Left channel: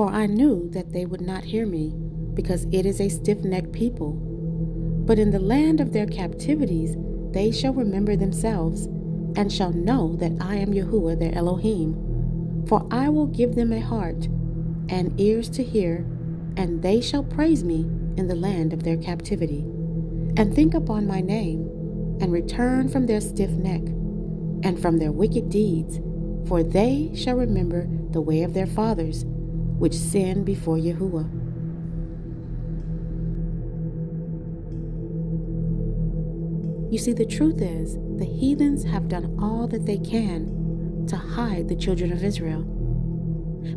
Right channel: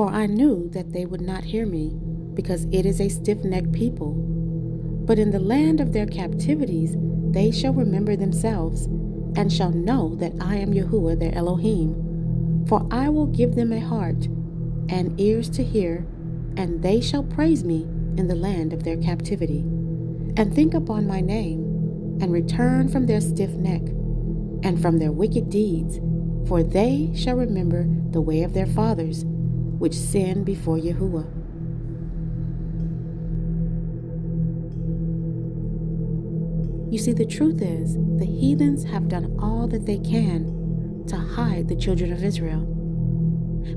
For I knew that they would not hear me, because it is a stiff-necked people. But in the land of their captivities they shall remember themselves, and shall know that I am Yahuwah their Elohim. For I will give them a heart and ears to hear, and they shall praise me in the land of their captivity, and think upon my name, and return from their stiff neck, and from their wicked deeds, for they shall remember the way of their fathers, which sinned before Yahuwah. You see, the truth is, the heathens have done all that they can to hide the children of Israel.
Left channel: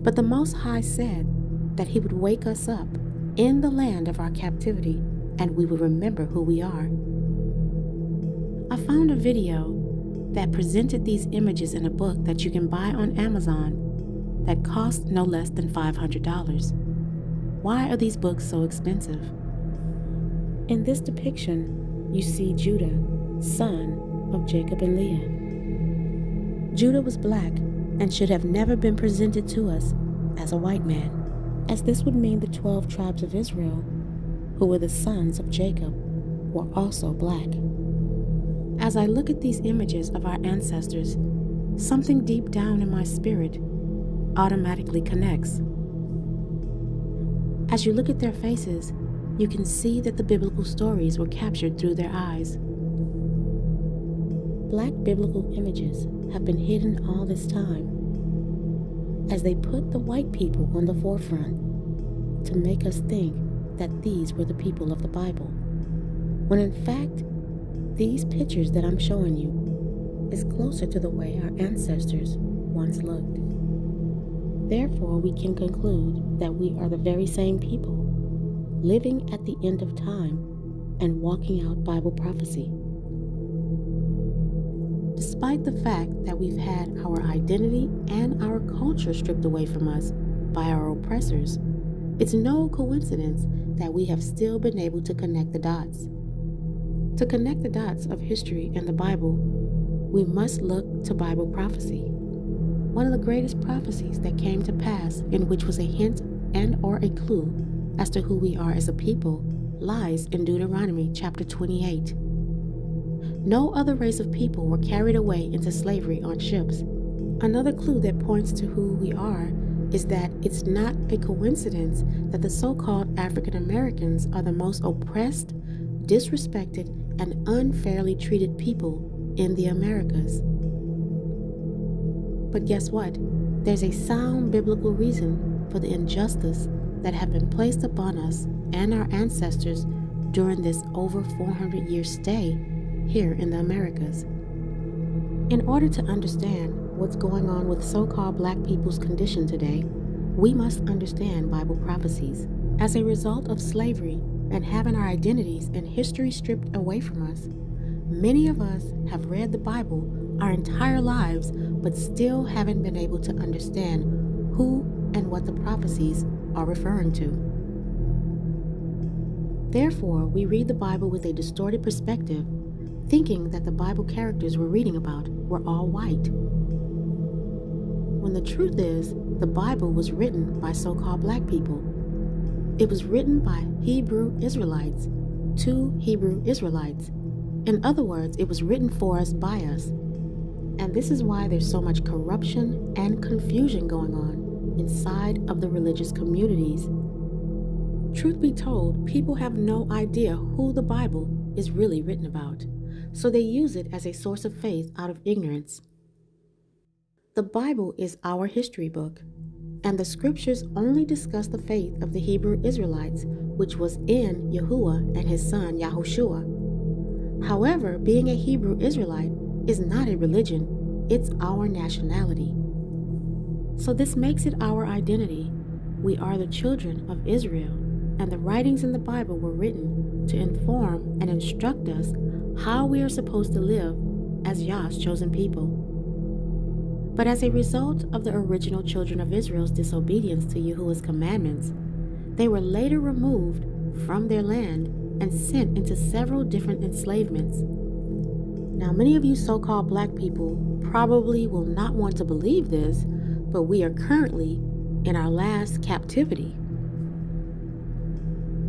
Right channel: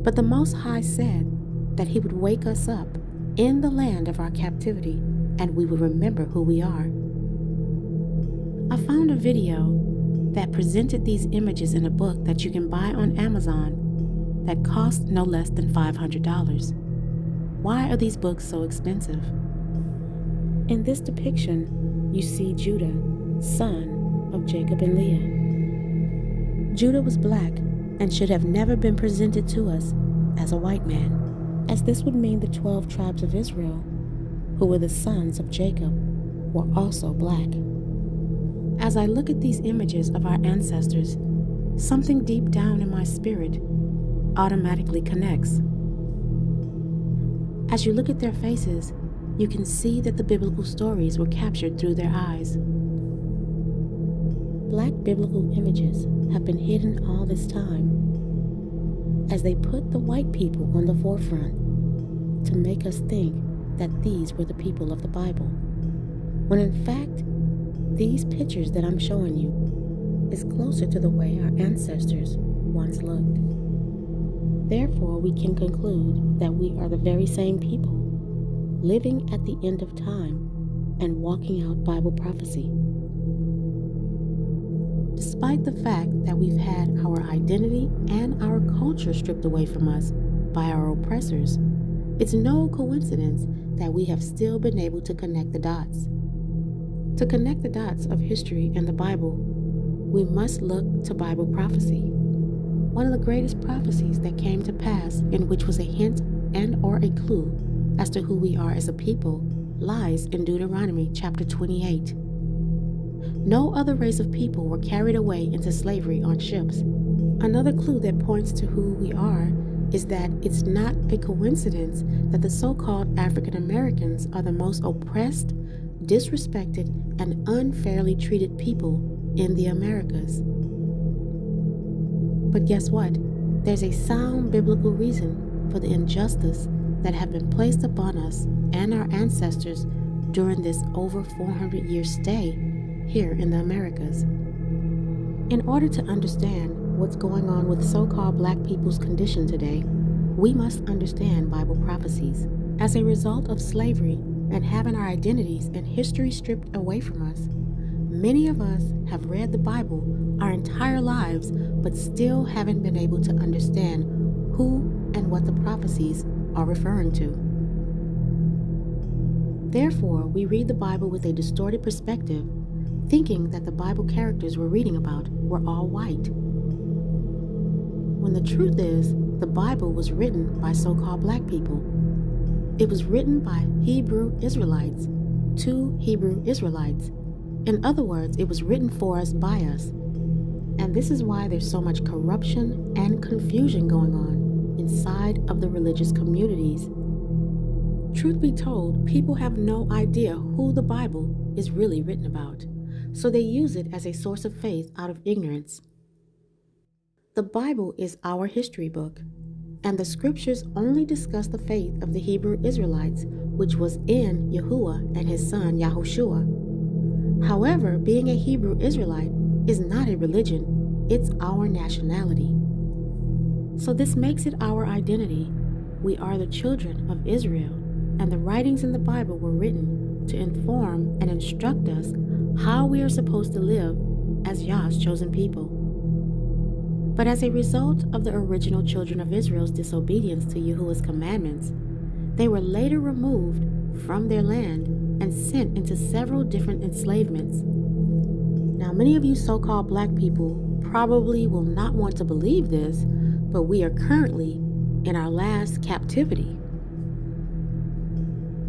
But the Most High said that He would wake us up in the land of our captivity, and we would remember who we are. I found a video that presented these images in a book that you can buy on Amazon that cost no less than $500. Why are these books so expensive? In this depiction, you see Judah, son of Jacob and Leah. Judah was black and should have never been presented to us as a white man, as this would mean the 12 tribes of Israel, who were the sons of Jacob, were also black. As I look at these images of our ancestors, something deep down in my spirit automatically connects. As you look at their faces, you can see that the biblical stories were captured through their eyes. Black biblical images have been hidden all this time, as they put the white people on the forefront to make us think that these were the people of the Bible, when in fact, these pictures that I'm showing you is closer to the way our ancestors once looked. Therefore, we can conclude that we are the very same people, living at the end of time and walking out Bible prophecy. Despite the fact that we've had our identity and our culture stripped away from us by our oppressors, it's no coincidence that we have still been able to connect the dots. To connect the dots of history and the Bible, we must look to Bible prophecy. One of the greatest prophecies that came to pass, in which was a hint and or a clue as to who we are as a people, lies in Deuteronomy chapter 28. No other race of people were carried away into slavery on ships. Another clue that points to who we are is that it's not a coincidence that the so-called African Americans are the most oppressed, disrespected, and unfairly treated people in the Americas. But guess what? There's a sound biblical reason for the injustice that have been placed upon us and our ancestors during this over 400-year stay here in the Americas. In order to understand what's going on with so-called black people's condition today, we must understand Bible prophecies. As a result of slavery and having our identities and history stripped away from us, many of us have read the Bible our entire lives, but still haven't been able to understand who and what the prophecies are referring to. Therefore, we read the Bible with a distorted perspective, thinking that the Bible characters we're reading about were all white, when the truth is, the Bible was written by so-called black people. It was written by Hebrew Israelites to Hebrew Israelites. In other words, it was written for us by us. And this is why there's so much corruption and confusion going on inside of the religious communities. Truth be told, people have no idea who the Bible is really written about, so they use it as a source of faith out of ignorance. The Bible is our history book, and the scriptures only discuss the faith of the Hebrew Israelites, which was in Yahuwah and his son Yahushua. However, being a Hebrew Israelite is not a religion, it's our nationality. So this makes it our identity. We are the children of Israel, and the writings in the Bible were written to inform and instruct us how we are supposed to live as YAH'S chosen people. But as a result of the original children of Israel's disobedience to Yahuwah's commandments, they were later removed from their land and sent into several different enslavements. Now, many of you so-called black people probably will not want to believe this, but we are currently in our last captivity.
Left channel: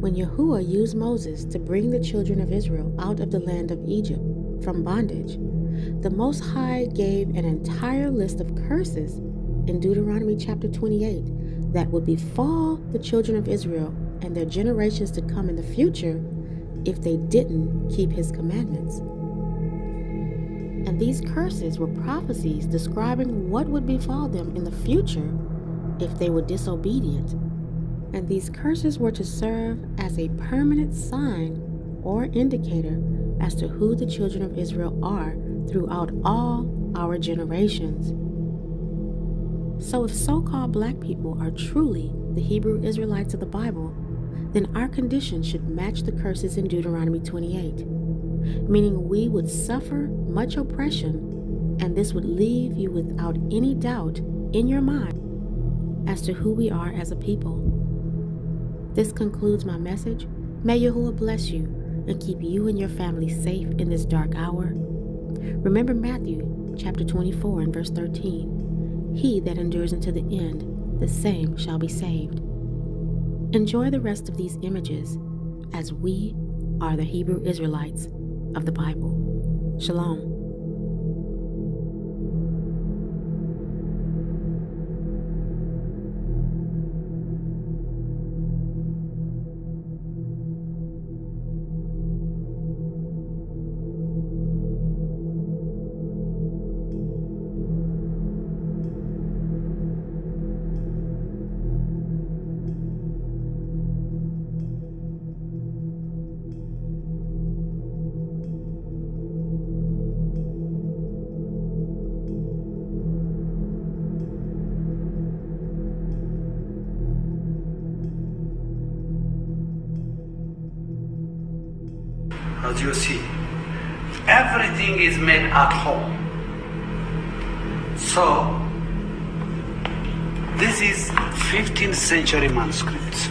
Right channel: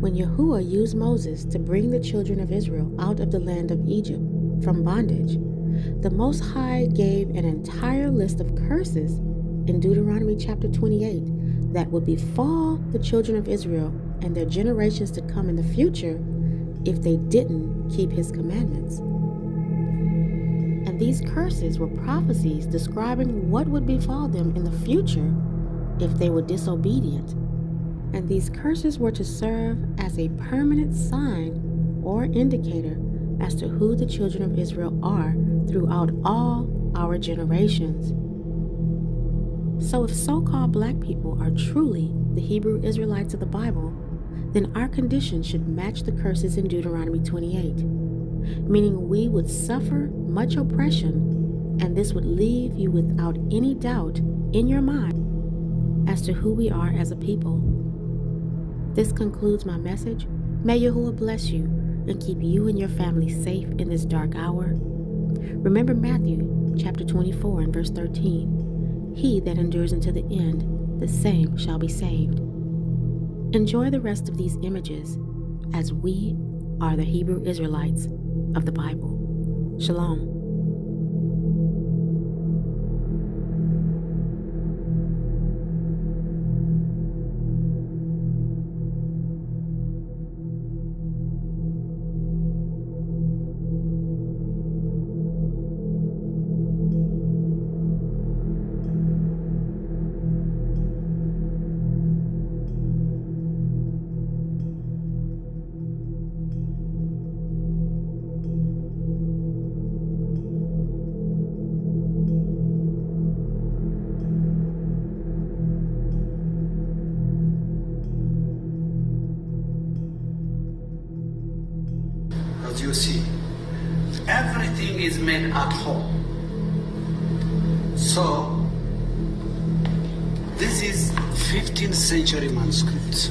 When Yahuwah used Moses to bring the children of Israel out of the land of Egypt from bondage, the Most High gave an entire list of curses in Deuteronomy chapter 28 that would befall the children of Israel and their generations to come in the future if they didn't keep his commandments. And these curses were prophecies describing what would befall them in the future if they were disobedient. And these curses were to serve as a permanent sign or indicator as to who the children of Israel are throughout all our generations. So if so-called black people are truly the Hebrew Israelites of the Bible, then our condition should match the curses in Deuteronomy 28, meaning we would suffer much oppression, and this would leave you without any doubt in your mind as to who we are as a people. This concludes my message. May Yahuwah bless you and keep you and your family safe in this dark hour. Remember Matthew chapter 24 and verse 13. He that endures unto the end, the same shall be saved. Enjoy the rest of these images, as we are the Hebrew Israelites of the Bible. Shalom. As you see, everything is made at home. So, this is 15th century manuscripts.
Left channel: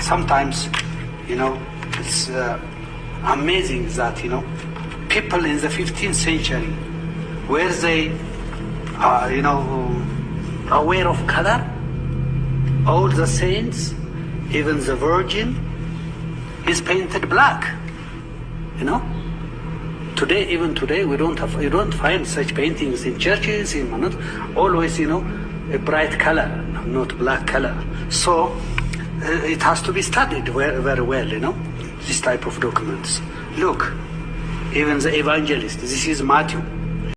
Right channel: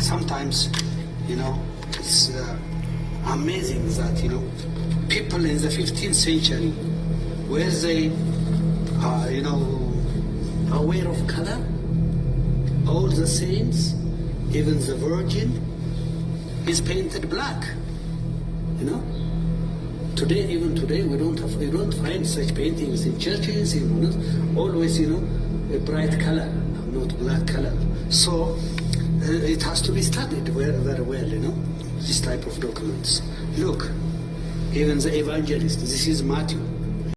Sometimes, it's amazing that, people in the 15th century, where they, aware of color, all the saints, even the Virgin, is painted black. Even today, we don't find such paintings in churches. Always, a bright color, not black color. So it has to be studied very, very well. This type of documents. Look, even the evangelist. This is Matthew.